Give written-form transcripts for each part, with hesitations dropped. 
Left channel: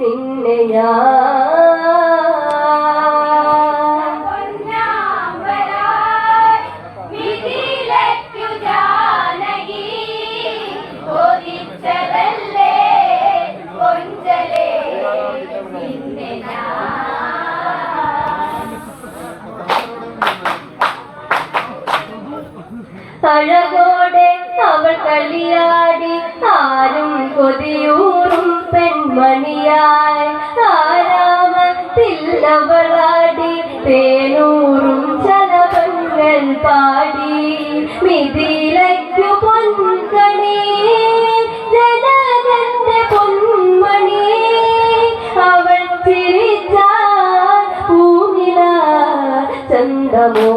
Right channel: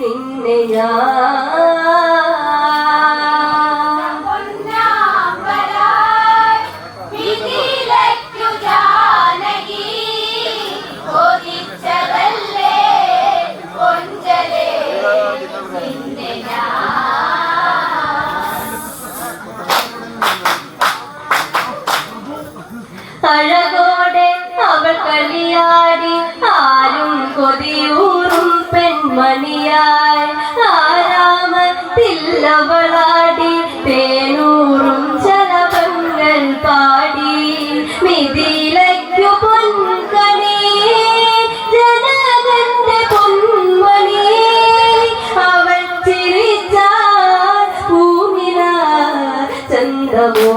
നിന്നെ ഞാൻ അഴകോടെ അവൾ കളിയാടി ആരും കൊതിയൂറും പെൺമണിയായി ആരാമത്തില്ലവളാടി തേനൂറും ചലവങ്ങൾ പാടി മിഥിലയ്ക്കു പൊൻകണി ജനകന്റെ പൊന്മണി അവൾ ചിരിച്ചാൽ പൂമില ചന്തമോ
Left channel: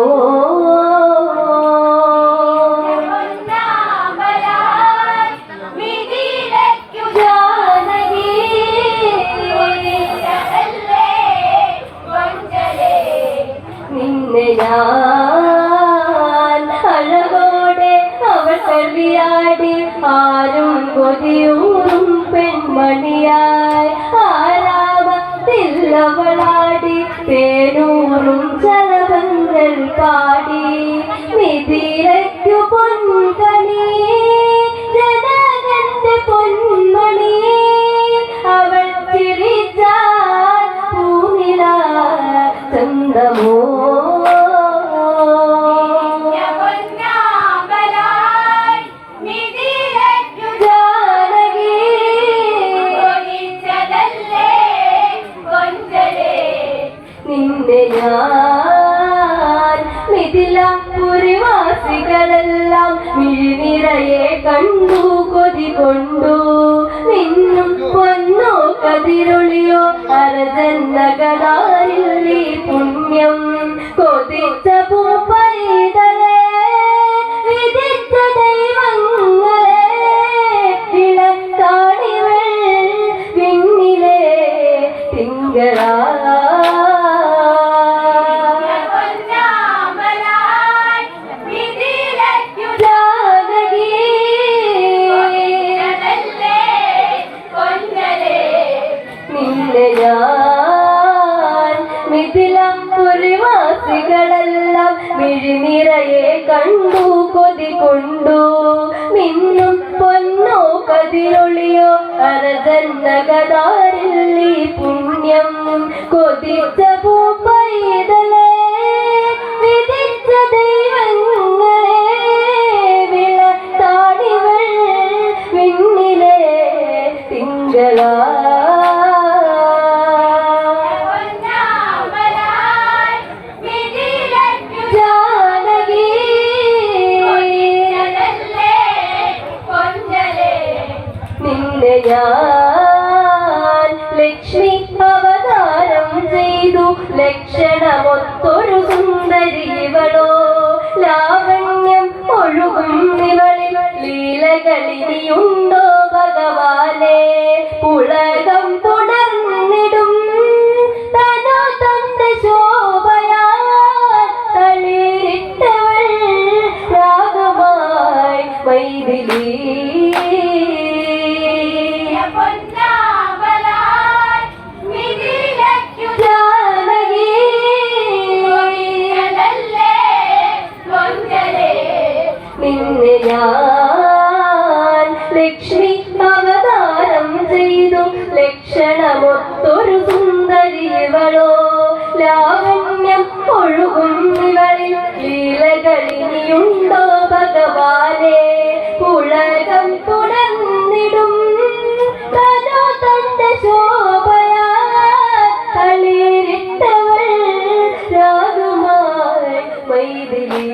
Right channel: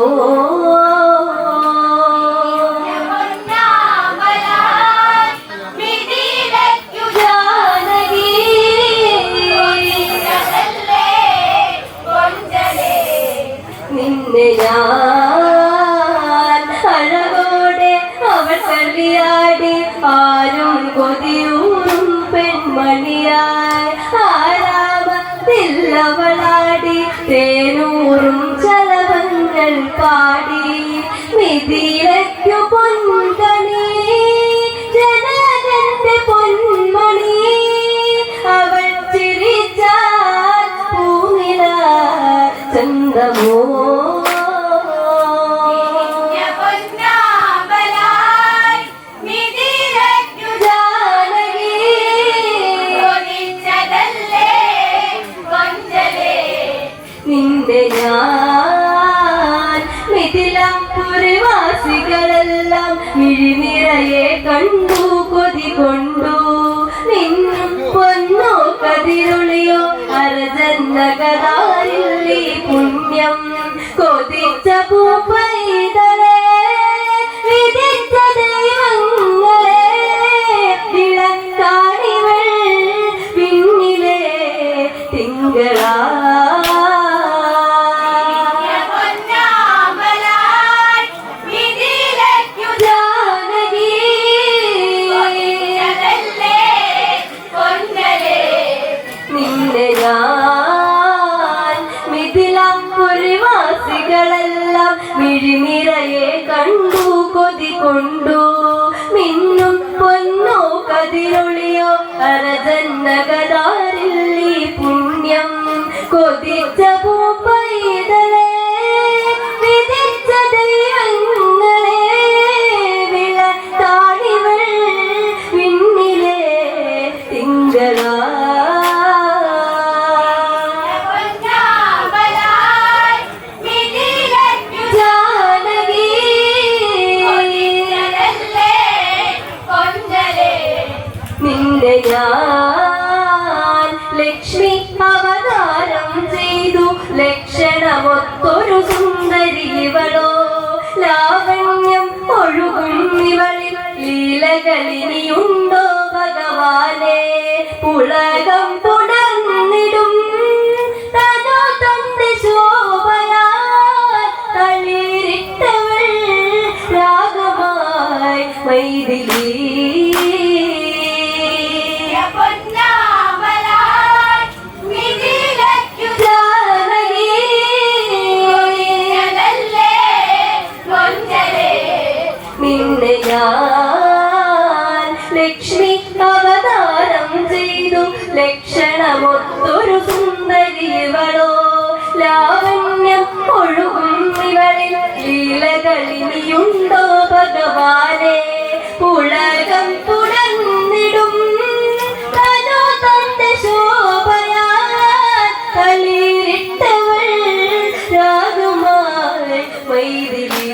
ഞാൻ അഴകോടെ അവൾ കളിയാടി ആരും കൊതിയൂറും പെൺമണിയായി ആരാമത്തില്ലവളാടി തേനൂറും ചലവങ്ങൾ പാടി മിഥിലയ്ക്കു പൊൻകണി ജനകന്റെ പൊന്മണി അവൾ ചിരിച്ചാൽ പൂനില ചന്തമോ നിന്റെ ഞാൻ മിഥിലപുരവാസികളെല്ലാം മിഴിനിറയെ കണ്ടു കൊതി കൊണ്ടു നിന്നും പൊന്നോ കതിരൊളിയോ അരജന്നകതാരിൽ ഈ പുണ്യം കൊതിച്ച പൂപ്പൈതലേ വിധിച്ച ദൈവങ്ങളെ വിളക്കാണിവൾ വിണ്ണിലെ തിങ്കളാ മിഥിലപുരവാസികളെല്ലാം മിഴിനിറയെ കണ്ടു കൊതി കൊണ്ടു മിന്നും പൊന്നോ കതിരൊളിയോ അരജന്നകതാരിൽ ഈ പുണ്യം കൊതിച്ച പൂപ്പൈതലേ വിധിച്ച ദൈവങ്ങളെ വിളക്കാണിവൾ വിണ്ണിലെ തിങ്കളാ നിന്നെ ഞാൻ ലക്ഷ്മി അവതാരം ചെയ്തു ലക്ഷണമൊത്തൊരു സുന്ദരി ഇവളോ ലാവണ്യം ഒഴുകും ഇവളിൽ ലീലകളിനിയുണ്ടോ ഭഗവാനെ പുളകം തുടർന്നിടും തനോ തന്റെ ശോഭയാൽ തളിരിട്ടവൾ രാഗമായി മൈഥിലി നിന്നെ ഞാൻ ലക്ഷ്മി അവതാരം ചെയ്തു ലക്ഷണമൊത്തൊരു സുന്ദരി ഇവളോ ലാവണ്യം ഒഴുകും ഇവളിൽ ലീലകളിനിയുണ്ടോ ഭഗവാനെ പുളകം തുടർന്നിടും തനോ തന്റെ ശോഭയാൽ തളിരിട്ടവൾ രാഗമായി മൈഥിലി